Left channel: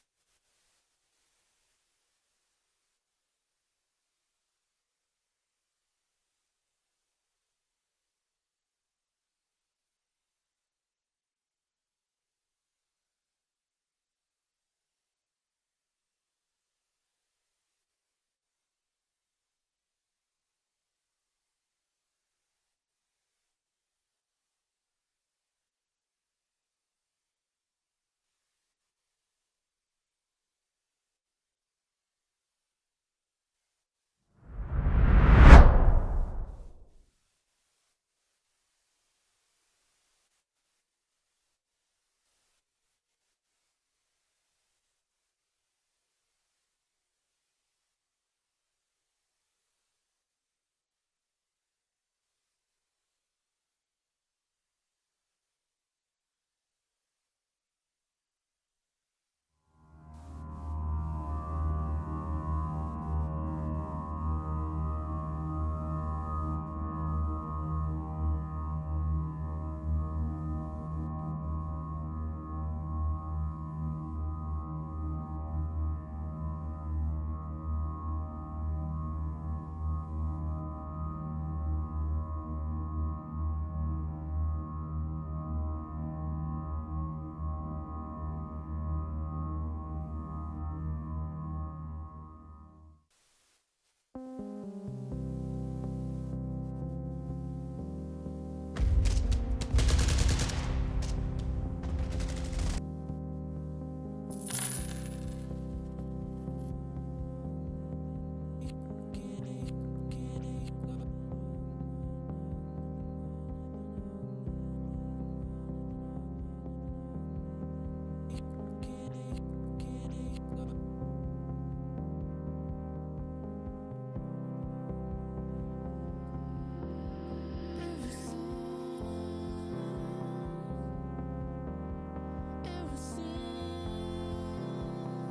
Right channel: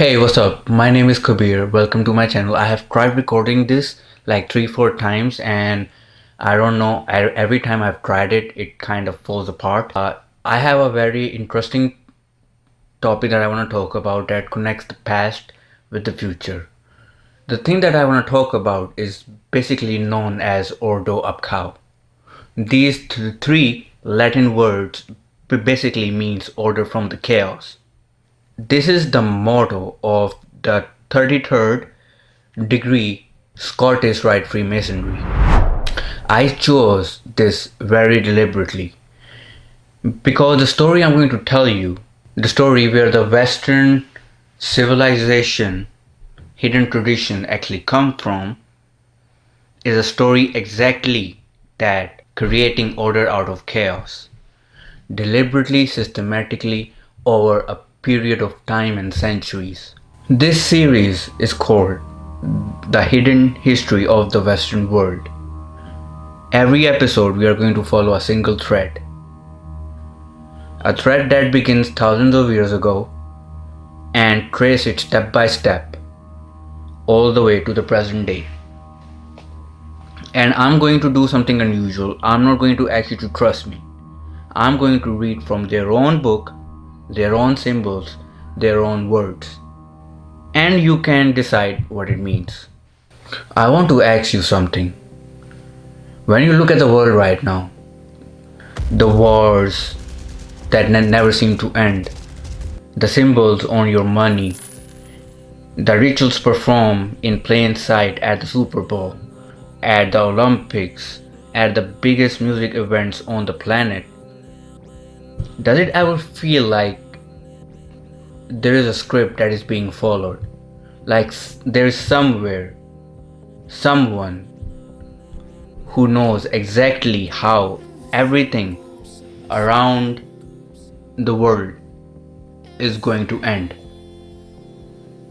Hey, what's up? My name is Kabir. Welcome to my channel. I have tried recording this like 3-4 times, and I don't know, every time I've tried it, it kind of falls apart. I have a very interesting topic that I want to talk about that connects the past with the future. The thing that I want to talk about is basically known as Ordo up Chao. These three Latin words basically means order from the chaos. This is the motto of the 33rd degree Scottish Rite Freemasonry. I chose this very deliberately because the story I'm going to tell you, the story where the Western civilization hidden tradition actually come from, is a story exactly that creating order out of chaos, deliberately, systematically, over a period of time and centuries. This series is called The Hidden History of the Western World. Every episode we are going to follow a single thread. A thread that begins thousands of years ago and trace it step by step all the way to the present day. And I'm going to do something unusual. I'm not going to ask you to trust me. I'm going to read from their own book, their own symbols, their own words. And you can decide what it means. I want to ask you something. When you look at the world right now, the wars that never seem to end, the symbols on your money, the rituals performed in plain sight at the Super Bowl, at the Olympics, at the biggest music events on the planet, does it ever feel like there is a script that is being followed? Like there is somewhere, someone who knows exactly how everything around the world is going to end,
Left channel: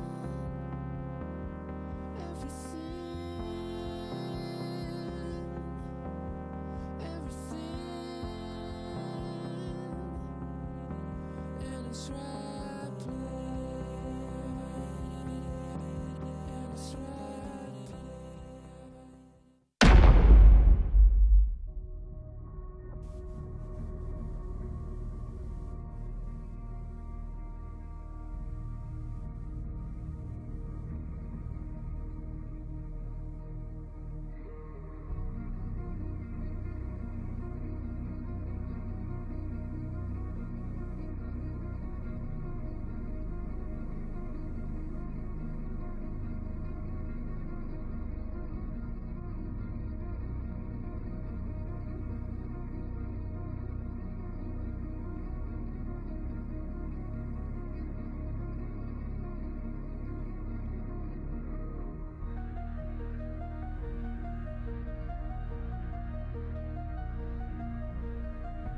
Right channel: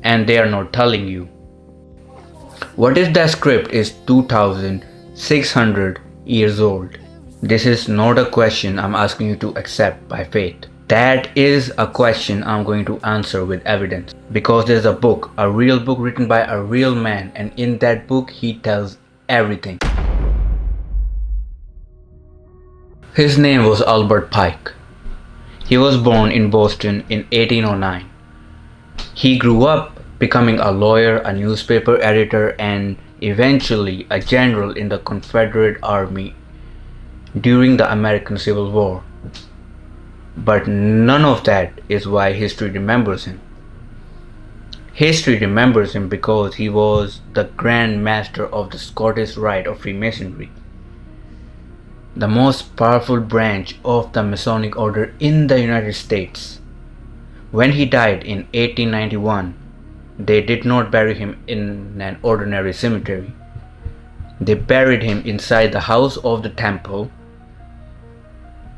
and they are not telling you. What if that script is 2600 years old? This is not a question I'm asking you to accept by faith. That is a question I'm going to answer with evidence, because there's a book, a real book written by a real man, and in that book he tells everything. His name was Albert Pike. He was born in Boston in 1809. He grew up becoming a lawyer, a newspaper editor, and eventually a general in the Confederate Army during the American Civil War. But none of that is why history remembers him. History remembers him because he was the Grand Master of the Scottish Rite of Freemasonry, the most powerful branch of the Masonic order in the United States. When he died in 1891, they did not bury him in an ordinary cemetery. They buried him inside the House of the Temple,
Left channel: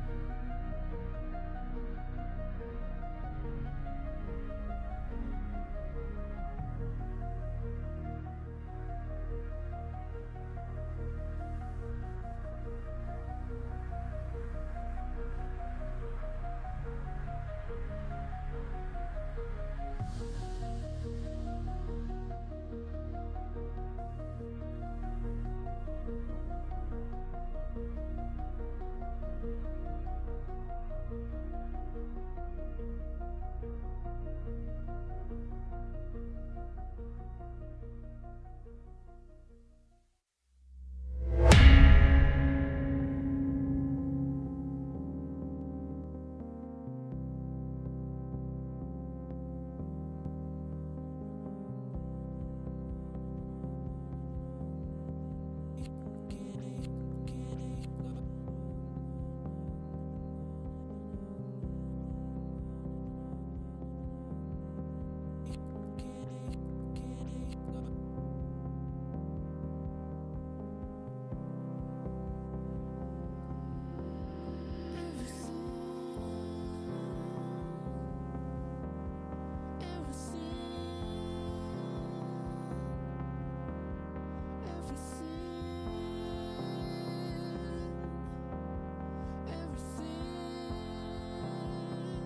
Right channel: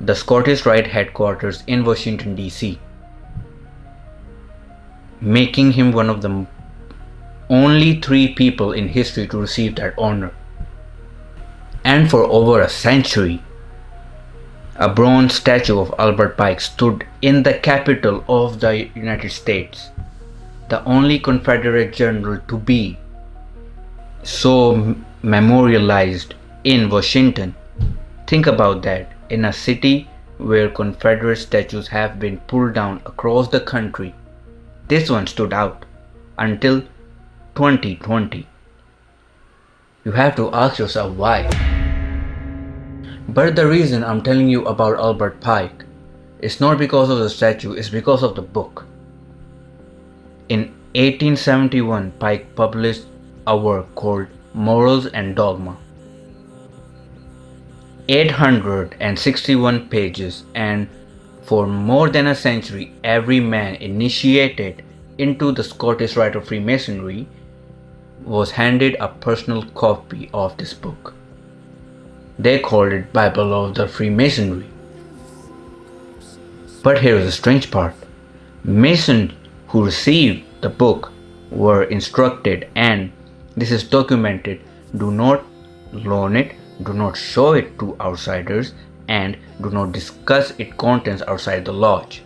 the Scottish Rite headquarters in Washington, D.C., making him one of the only 3 people in history to receive that honor. And for over a century, a bronze statue of Albert Pike stood in the capital of the United States, the only Confederate general to be so memorialized in Washington. Think about that. In a city where Confederate statues have been pulled down across the country, this one stood out until 2020. You have to ask yourself why. But the reason I'm telling you about Albert Pike is not because of the statue, it's because of the book. In 1871, Pike published a work called Morals and Dogma. 861 pages, and for more than a century, every man initiated into the Scottish Rite of Freemasonry was handed a personal copy of this book. They called it Bible of the Freemasonry. But here is the strange part. Masons who received the book were instructed, and this is documented, do not loan it, do not show it to outsiders, and do not discuss its contents outside the lodge.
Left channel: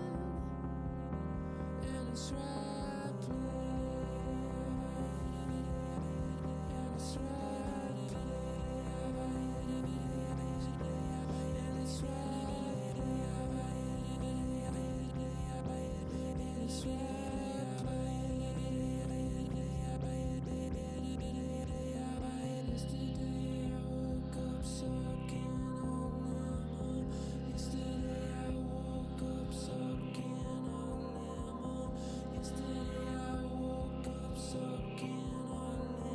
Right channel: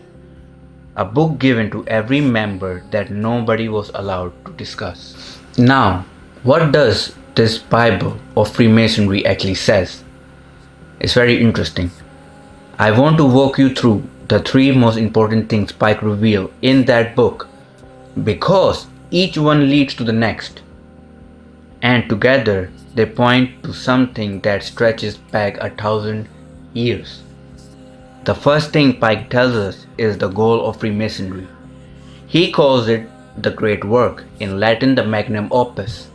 a book given to every member that nobody was allowed to discuss. Now, what does this Bible of Freemasonry actually says? It's very interesting. I want to walk you through the 3 most important things Pike revealed in that book, because each one leads to the next, and together they point to something that stretches back 1,000 years. The first thing Pike tells us is the goal of Freemasonry. He calls it the Great Work, in Latin the Magnum Opus.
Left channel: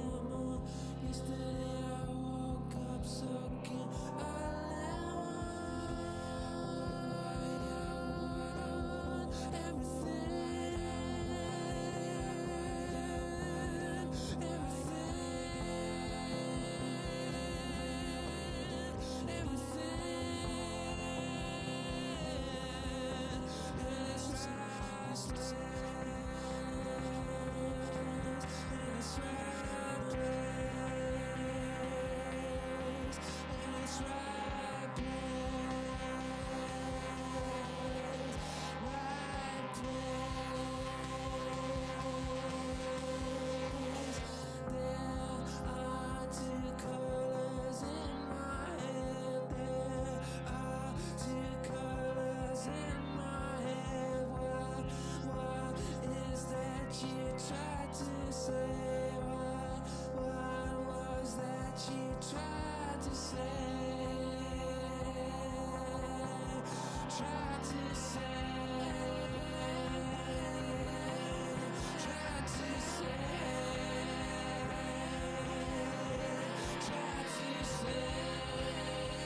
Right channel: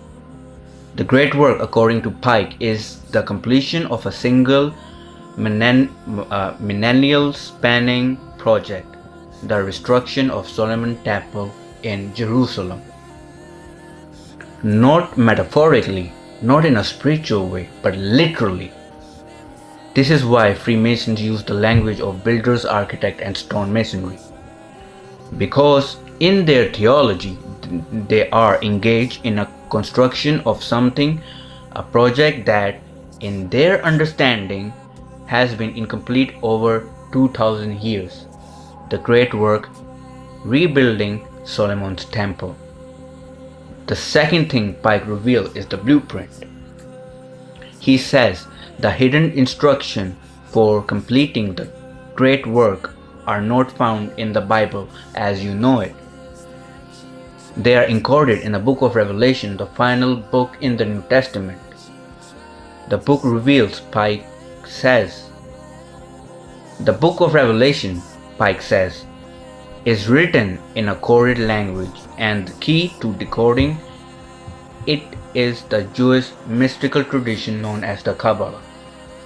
The Great Work, according to Pike, is the completion of a single millennial spanning project, the reconstruction of Solomon's Temple in Jerusalem. Not metaphorically, not in a spiritual way, but literally. This is why Freemasons use the language of builders, architect, and stonemasonry. Because in their theology, they are engaged in a construction of something, a project that, in their understanding, has been incomplete over 2,000 years. The Great Work, rebuilding Solomon's Temple. The second thing Pike reveals is the blueprint. He says the hidden instructions for completing the Great Work are not found in the Bible as you know it. They are encoded in the book of Revelation, the final book in the New Testament. The book reveals, Pike says, the book of Revelation, Pike says, is written in a coded language, and the key to decoding it is the Jewish mystical tradition known as the Kabbalah.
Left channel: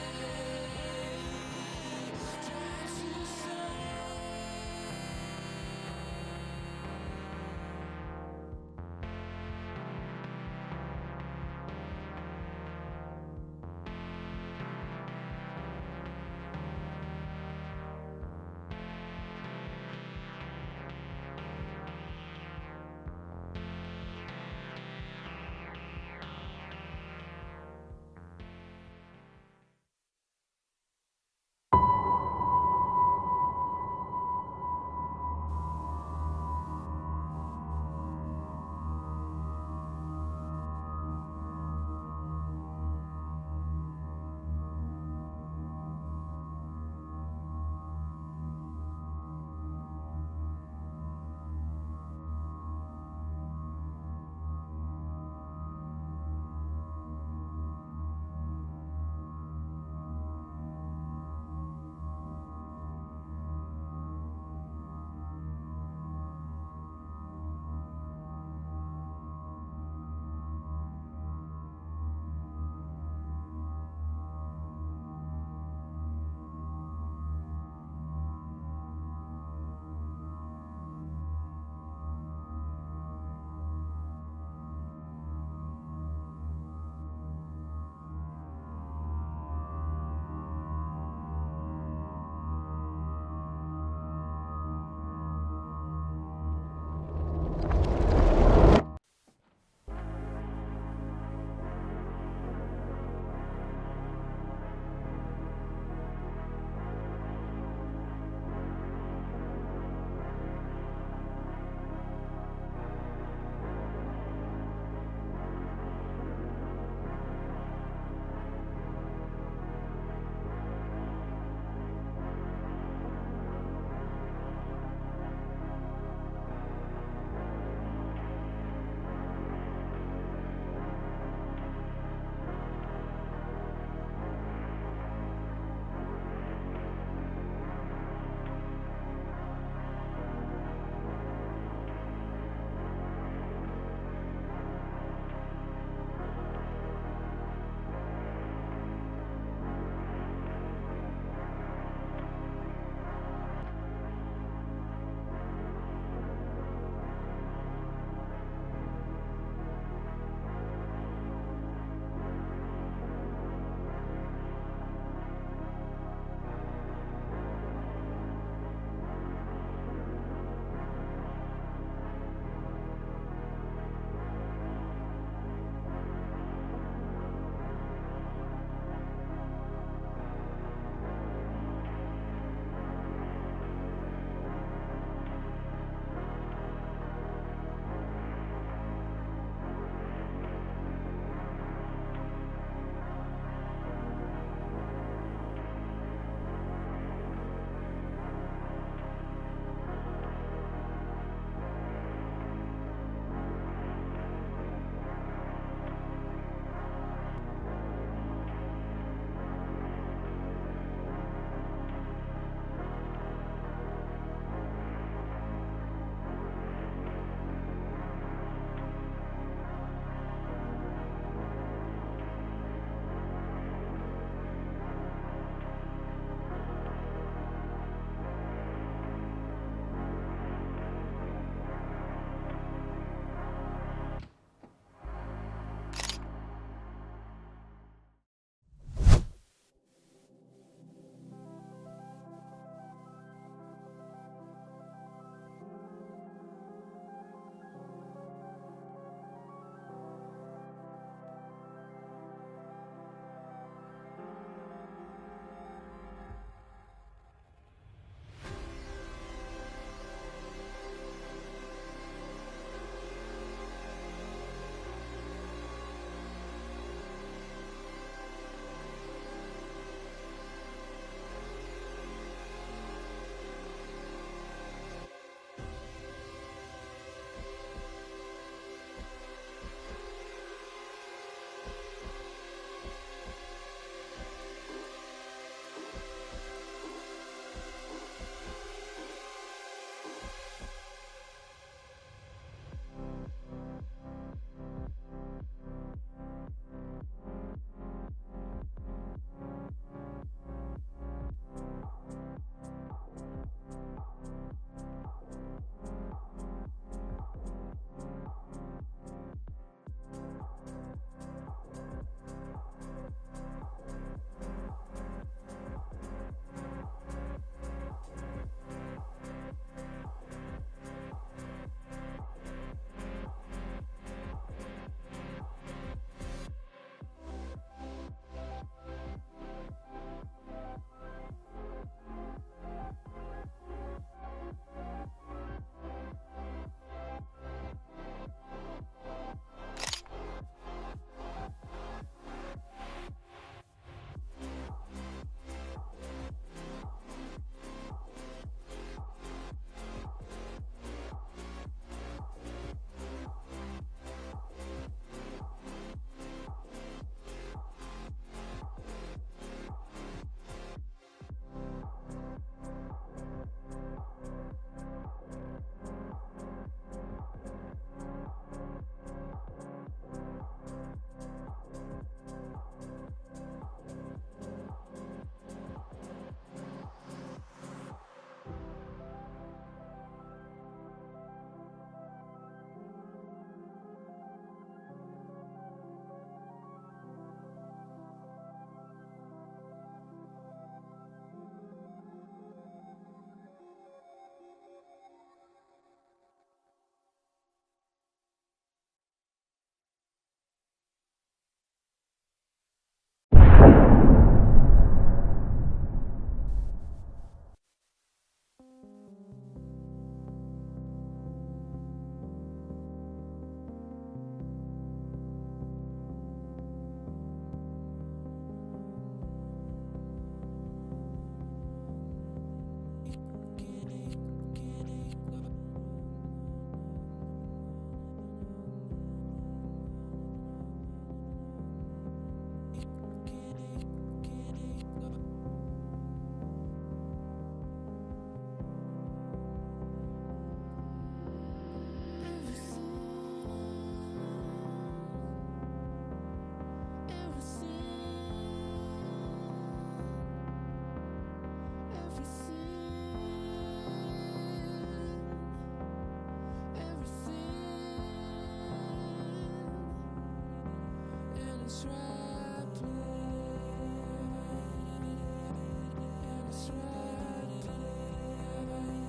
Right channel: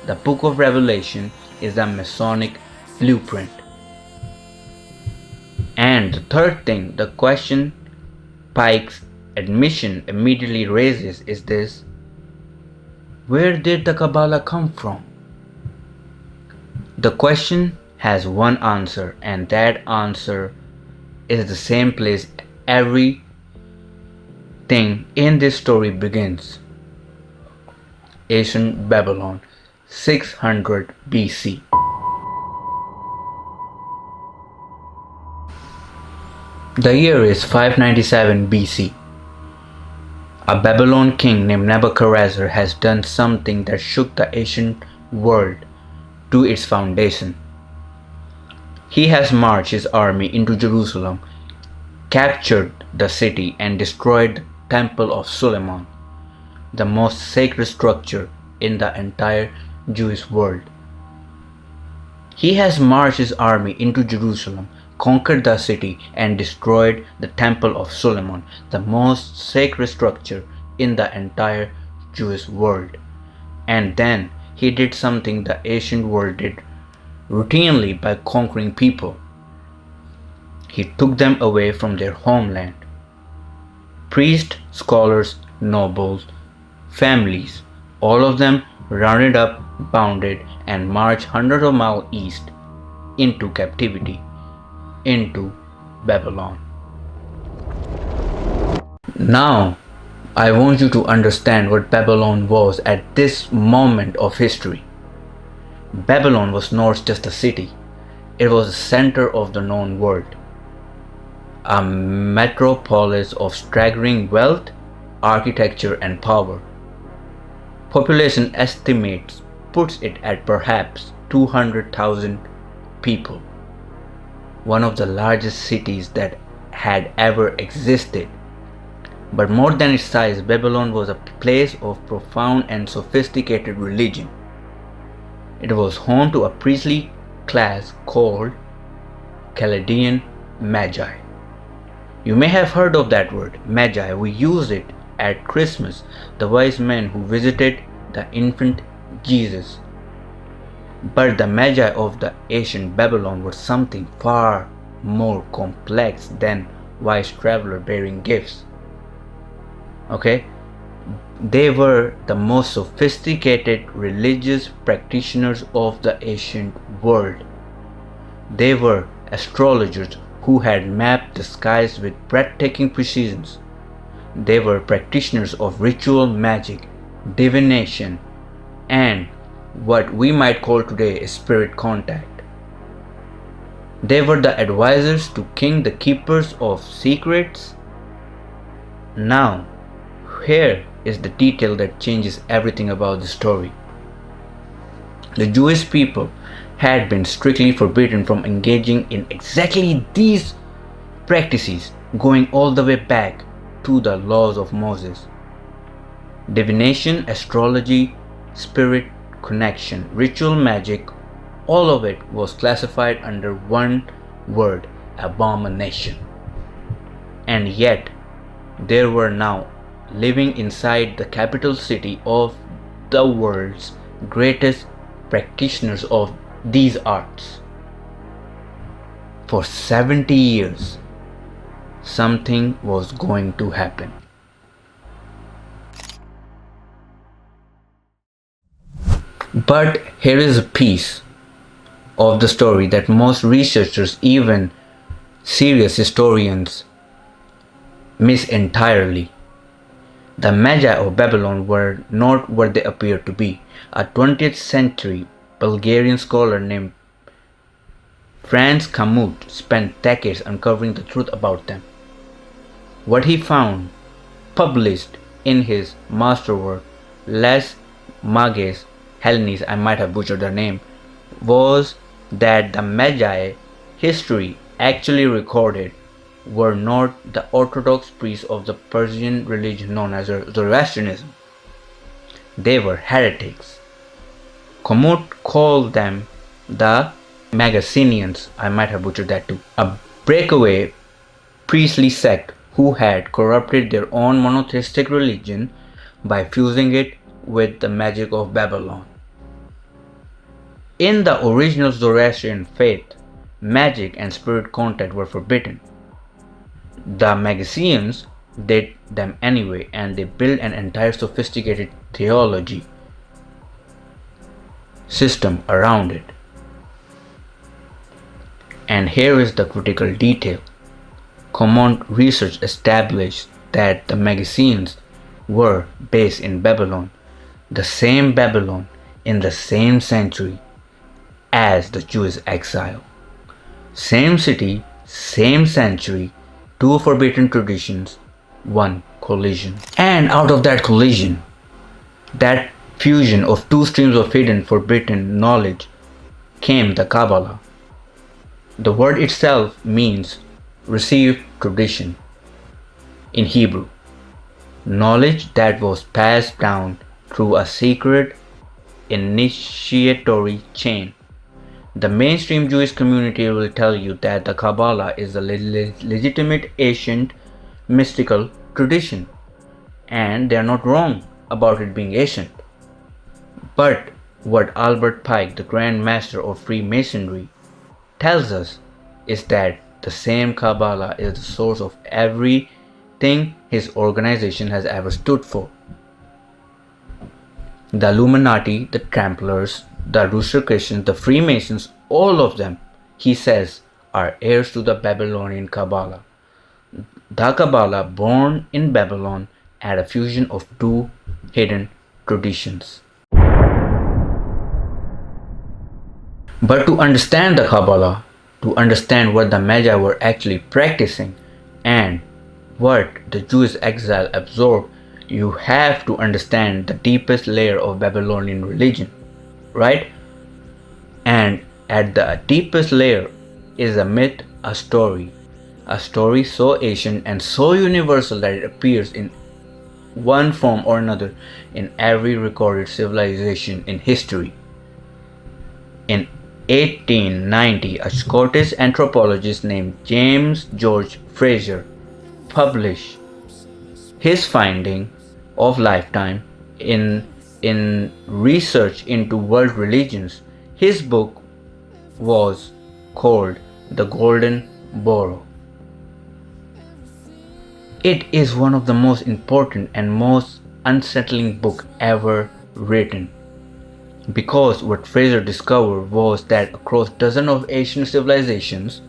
The book of Revelation is the Masonic blueprint. And the third thing, the question Pike's admission immediately raises is this: where did the Kabbalah come from? The question has one answer, and that answer is the same place everything in this story begins. Ancient Babylon, 600 BC. The year is 597 BC. A Babylon king named Nebuchadnezzar has done something that shook the ancient world to its foundation. He has marched his army into Jerusalem, captured the city, and destroyed the Temple of Solomon, the most sacred structure in the entire Jewish world. He has marched his army into Jerusalem, conquered the city, and destroyed the Temple of Solomon, the most sacred structure in the entire Jewish world. And then he did something the ancient world did routinely by conquering people. He took them away from their homeland. Priests, scholars, nobles, families, all of them rounded up, bounded, and marched hundreds of miles east into captivity, into Babylon. Now, I want you to understand what Babylon was at this moment of history. Babylon was not just a city, it was the center of the known world. A metropolis of staggering wealth, architecture, and power. Population estimates puts it at perhaps 200,000 people. One of the largest cities that had ever existed. But more than its size, Babylon was a place of profound and sophisticated religion. It was home to a priestly class called Chaldean Magi. You may have heard of that word, Magi. We use it at Christmas, the wise men who visited the infant Jesus. But the Magi of the ancient Babylon were something far more complex than wise traveler bearing gifts. Okay? They were the most sophisticated religious practitioners of the ancient world. They were astrologers who had mapped the skies with breathtaking precision. They were practitioners of ritual magic, divination, and what we might call today a spirit contact. They were the advisors to king, the keepers of secrets. Now, here is the detail that changes everything about the story. The Jewish people had been strictly forbidden from engaging in exactly these practices, going all the way back to the laws of Moses. Divination, astrology, spirit connection, ritual magic, all of it was classified under one word: abomination. And yet, there were now living inside the capital city of the world's greatest practitioners of these arts. For 70 years, something was going to happen. But here is a piece of the story that most researchers, even serious historians, miss entirely. The Magi of Babylon were not what they appear to be. A 20th century Bulgarian scholar named Franz Kamut spent decades uncovering the truth about them. What he found, published in his masterwork, Les Mages Hellenes, I might have butchered their name, was that the Magi history actually recorded were not the orthodox priests of the Persian religion known as Zoroastrianism. They were heretics. Kamut called them the Magusseans, I might have butchered that too, a breakaway priestly sect who had corrupted their own monotheistic religion by fusing it with the magic of Babylon. In the original Zoroastrian faith, magic and spirit contact were forbidden. The Magusseans did them anyway, and they built an entire sophisticated theology system around it. And here is the critical detail. Common research established that the Magusseans were based in Babylon, the same Babylon in the same century as the Jewish exile. Same city, same century, two forbidden traditions, one collision. And out of that collision, that fusion of two streams of hidden forbidden knowledge, came the Kabbalah. The word itself means received tradition in Hebrew, knowledge that was passed down through a secret initiatory chain. The mainstream Jewish community will tell you that the Kabbalah is a legitimate ancient mystical tradition, and they are not wrong about it being ancient. But what Albert Pike, the Grand Master of Freemasonry, tells us is that the same Kabbalah is the source of everything his organization has ever stood for. The Illuminati, the Templars, the Rosicrucians, the Freemasons, all of them, he says, are heirs to the Babylonian Kabbalah. The Kabbalah, born in Babylon, had a fusion of two hidden traditions. But to understand the Kabbalah, to understand what the Magi were actually practicing and what the Jewish exile absorbed, you have to understand the deepest layer of Babylonian religion, right? And at the deepest layer is a myth, a story so ancient and so universal that it appears in one form or another in every recorded civilization in history. In 1890, a Scottish anthropologist named James George Fraser published his finding of lifetime in research into world religions. His book was called The Golden Borough. It is one of the most important and most unsettling books ever written, because what Fraser discovered was that across dozens of ancient civilizations,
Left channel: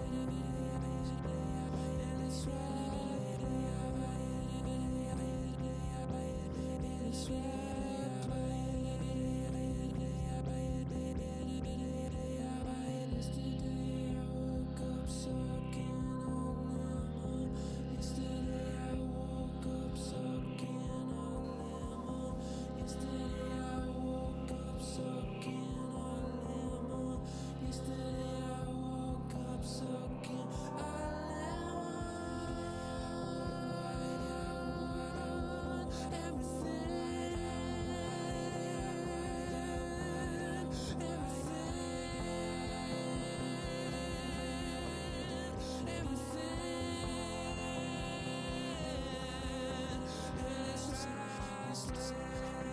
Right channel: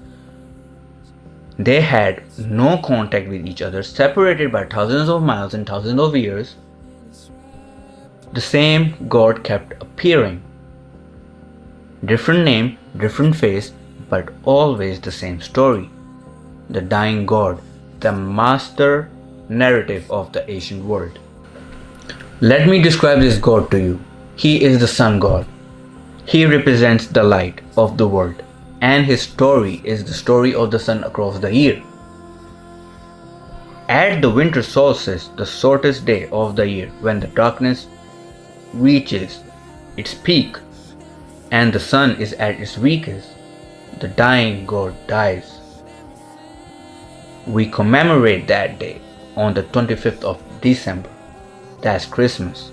they had no contact with each other, separated by thousands of miles and thousands of years. The same God kept appearing. Different name, different face, but always the same story. The dying god, the master narrative of the ancient world. Let me describe this god to you. He is the sun god. He represents the light of the world, and his story is the story of the sun across the year. At the winter solstice, the shortest day of the year, when the darkness reaches its peak and the sun is at its weakest, the dying god dies. We commemorate that day on the 25th of December. That's Christmas.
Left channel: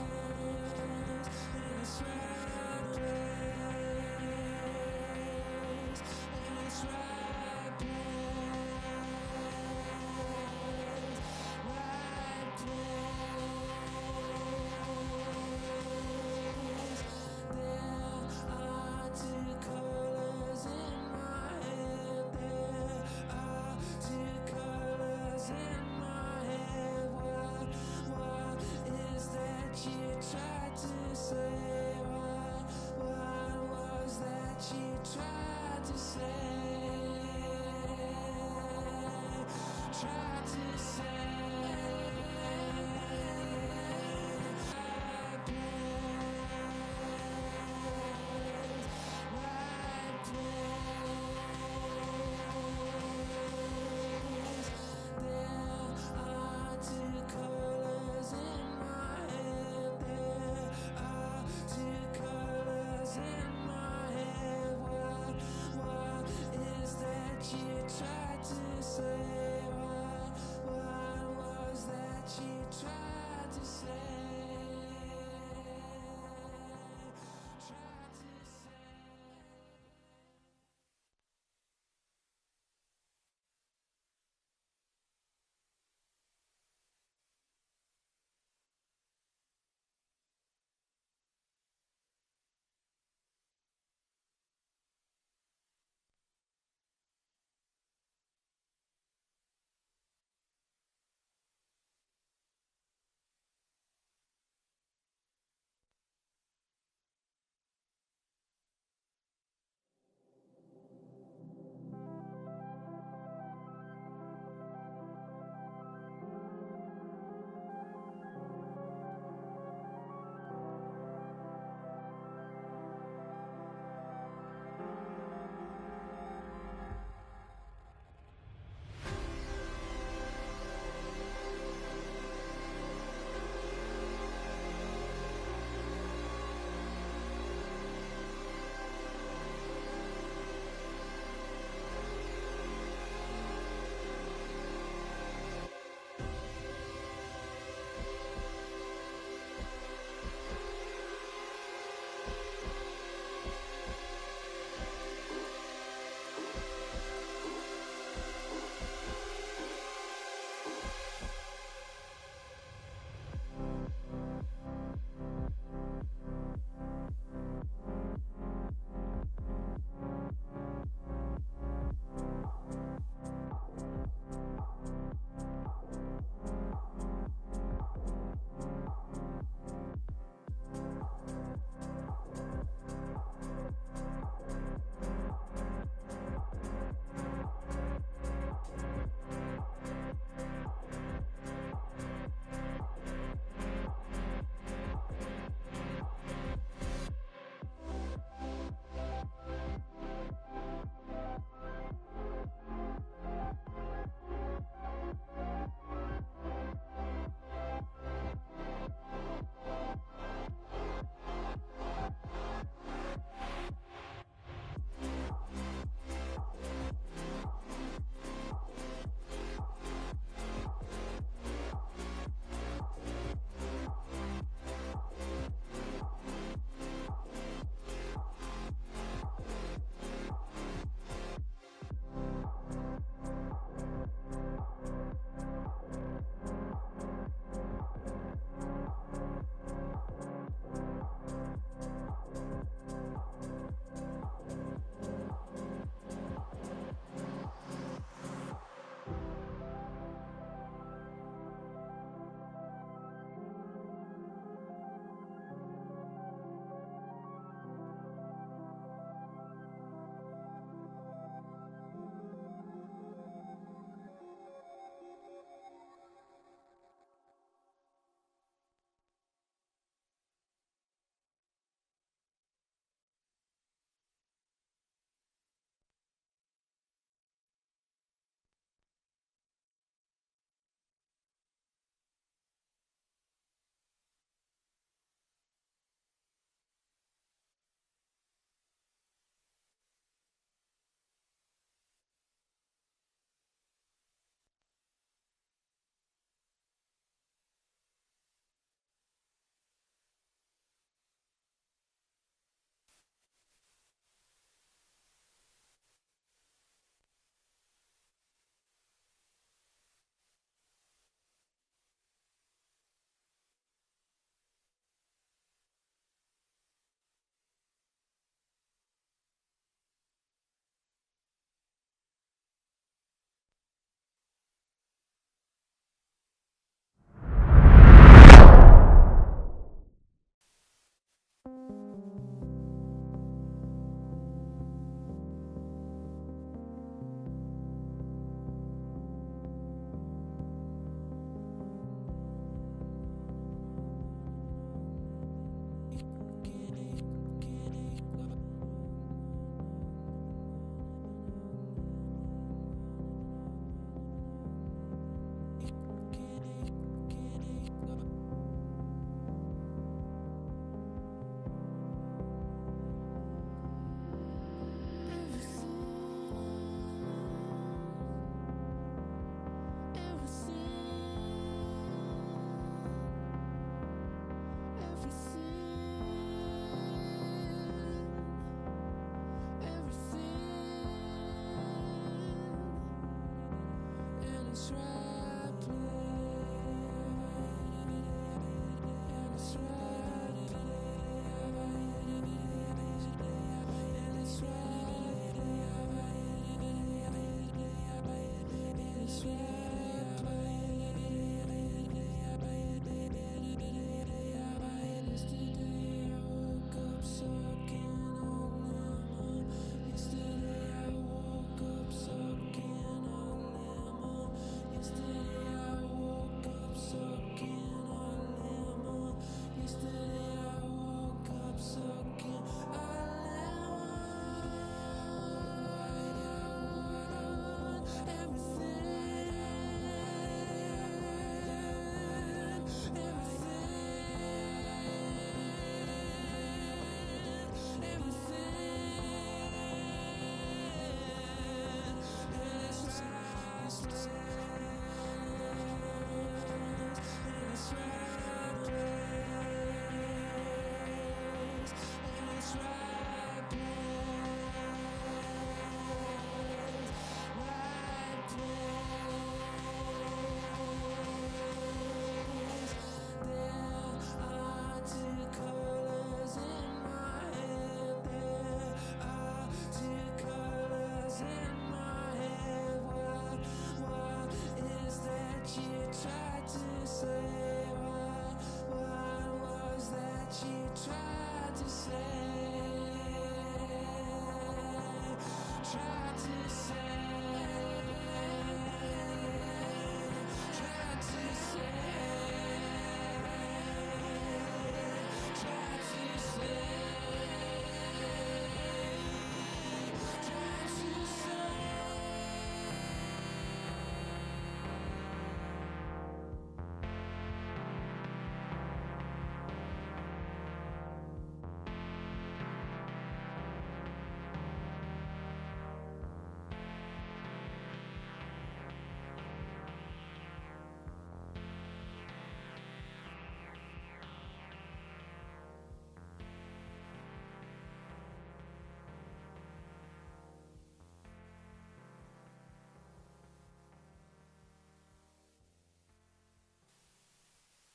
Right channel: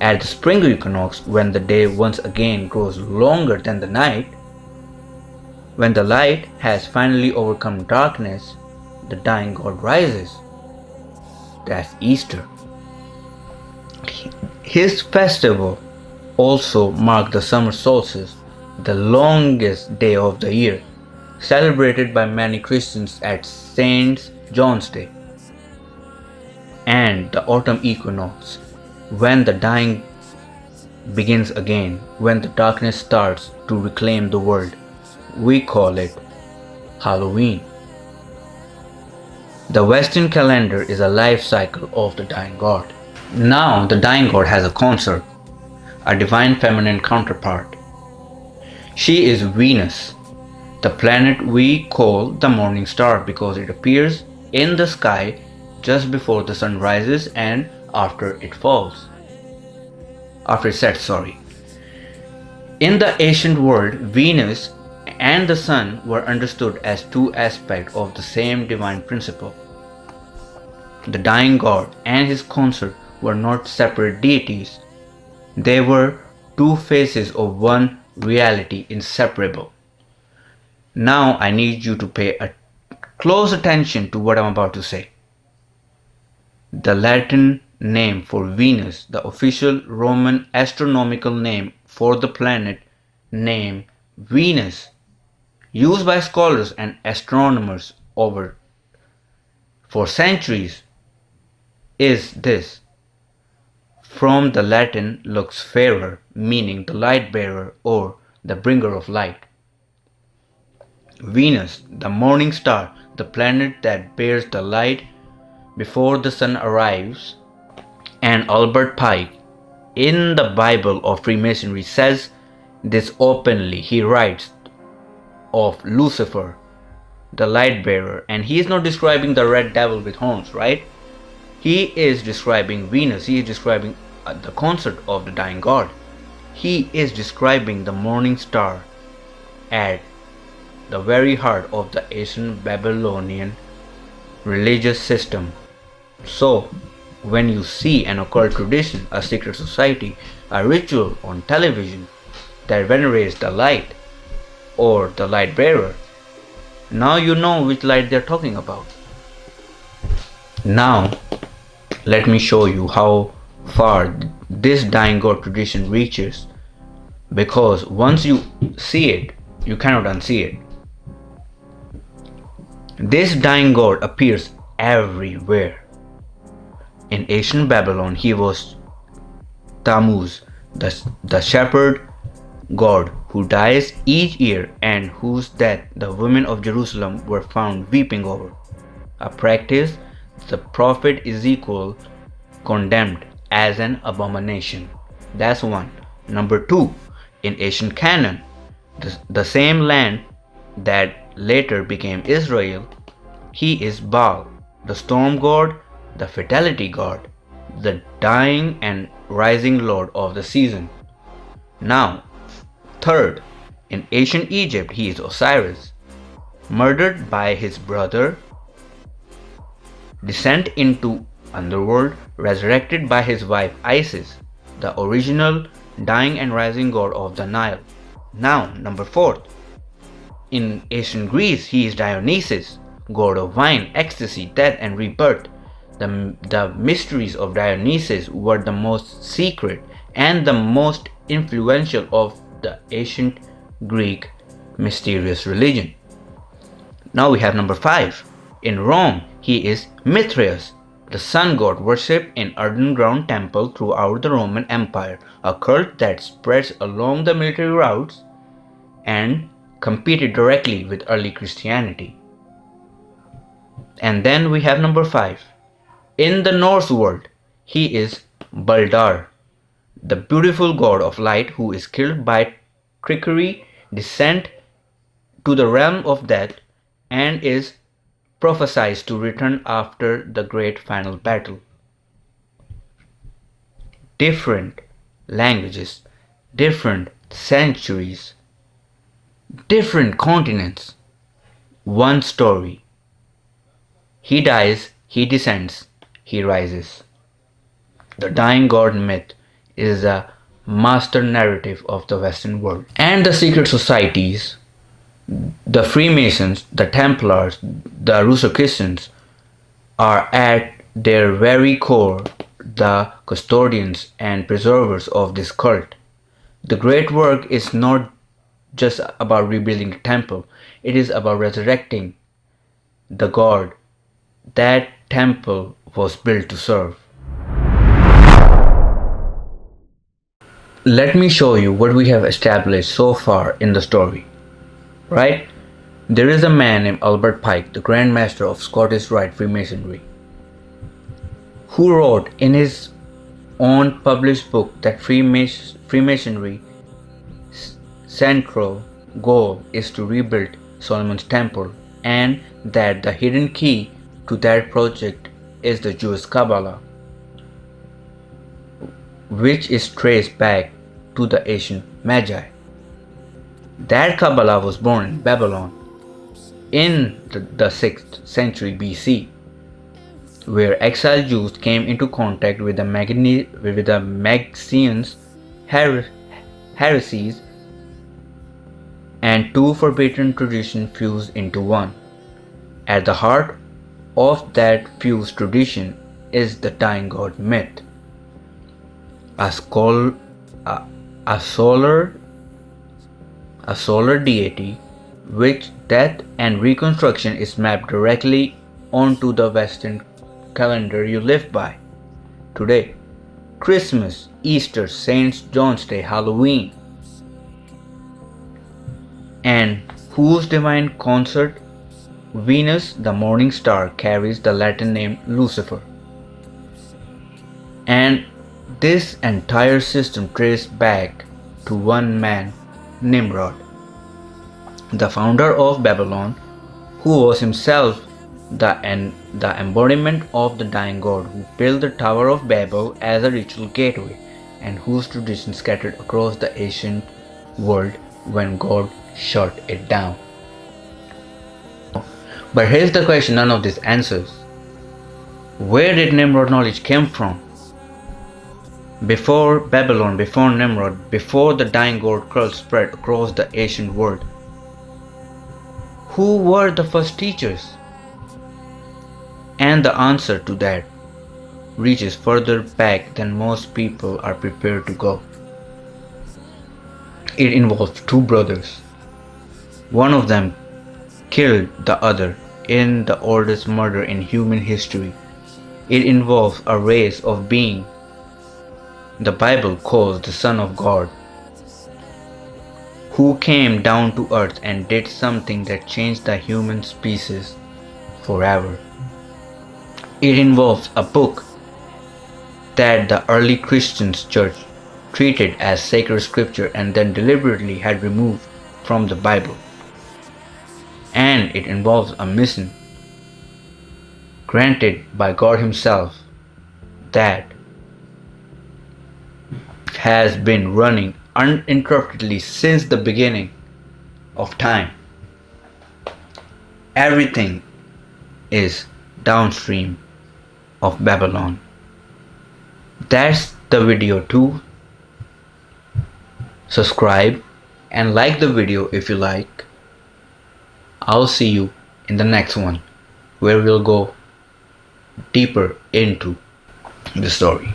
At the spring equinox, when the day once again grows longer than the night, when the light has finally overcome darkness, the dying god rises. That's Easter. His festival also marked the summer solstice, the longest day of the year, celebrated by many Christians at Saint John's Day, and the autumn equinox, when the dying begins again, when the darkness starts to reclaim the world. We call it Halloween. The Western calendar is a life cycle of the dying god. Now the dying god has a consort, a divine feminine counterpart. She is Venus, the planet we call the morning star because it appears in the sky just before the sun rises and after it sets. In the ancient world, Venus and the sun were understood as two aspects of the same divine principle. The dying god and his consort were not separate deities. They were two faces of one reality, inseparable. Now I need you to pay close attention to what I'm about to say. The Latin name for Venus, the official Roman astronomical name for the planet named Venus, used by scholars and astronomers for centuries, is this. From the Latin lux fairer, meaning the light bearer or the bringer of light. Venus, the morning star, the planet that bears the light before the sun arrives. And Albert Pike, in the Bible of Freemasonry, says this openly. He writes of Lucifer, the light bearer, and he is not describing the red devil with horns, right? He is describing Venus. He is describing the consort of the dying god. He is describing the morning star at the very heart of the ancient Babylonian religious system. So, when you see an occult tradition, a secret society, a ritual on television that venerates the light or the light bearer, now you know which light they're talking about. Now, let me show you how far this dying god tradition reaches, because once you see it, you cannot unsee it. This dying god appears everywhere. In ancient Babylon, he was Tammuz, the shepherd god who dies each year and whose death the women of Jerusalem were found weeping over, a practice the prophet Ezekiel condemned as an abomination. That's one. Number two, in ancient Canaan, the same land that later became Israel, he is Baal, the storm god, the fertility god, the dying and rising lord of the season. Now, third, in ancient Egypt, he is Osiris, murdered by his brother, descent into underworld, resurrected by his wife Isis, the original dying and rising god of the Nile. Now, number four, in ancient Greece, he is Dionysus, god of wine, ecstasy, death, and rebirth. The mysteries of Dionysus were the most secret and the most influential of the ancient Greek mysterious religion. Now we have number 5. In Rome, he is Mithras, the sun god worshipped in underground temple throughout the Roman Empire, a cult that spreads along the military routes and competed directly with early Christianity. And then we have number 5. In the Norse world, he is Baldar, the beautiful god of light who is killed by trickery, descent to the realm of death, and is prophesied to return after the great final battle. Different languages, different centuries, different continents, one story. He dies, he descends, he rises. The dying god myth is a master narrative of the Western world. And the secret societies, the Freemasons, the Templars, the Rosicrucians, are at their very core the custodians and preservers of this cult. The great work is not just about rebuilding a temple, it is about resurrecting the God that temple was built to serve. Let me show you what we have established so far in the story. Right? There is a man named Albert Pike, the Grand Master of Scottish Rite Freemasonry, who wrote in his own published book that Freemasonry's central goal is to rebuild Solomon's temple, and that the hidden key to that project is the Jewish Kabbalah, which is traced back to the ancient Magi. That Kabbalah was born in Babylon in the 6th century BC, where exiled Jews came into contact with the Magusseans heresies, and two forbidden traditions fused into one. At the heart of that fused tradition is the dying god myth, a solar deity which death and reconstruction is mapped directly onto the Western calendar you live by today. Christmas, Easter, St. John's Day, Halloween, and whose divine consort Venus, the morning star, carries the Latin name Lucifer. And this entire system traced back to one man, Nimrod, the founder of Babylon, who was himself the embodiment of the dying god who built the Tower of Babel as a ritual gateway, and whose tradition scattered across the ancient world when God shut it down. But here's the question none of this answers. Where did Nimrod knowledge come from? Before Babylon, before Nimrod, before the dying god cult spread across the ancient world, who were the first teachers? And the answer to that reaches further back than most people are prepared to go. It involves two brothers. One of them killed the other in the oldest murder in human history. It involves a race of being the Bible calls the Son of God, who came down to earth and did something that changed the human species forever. It involves a book that the early Christian church treated as sacred scripture and then deliberately had removed from the Bible. And it involves a mission granted by God Himself that has been running uninterruptedly since the beginning of time. Everything is downstream of Babylon. That's the video too. Subscribe and like the video if you like. I'll see you in the next one, where we'll go deeper into the story.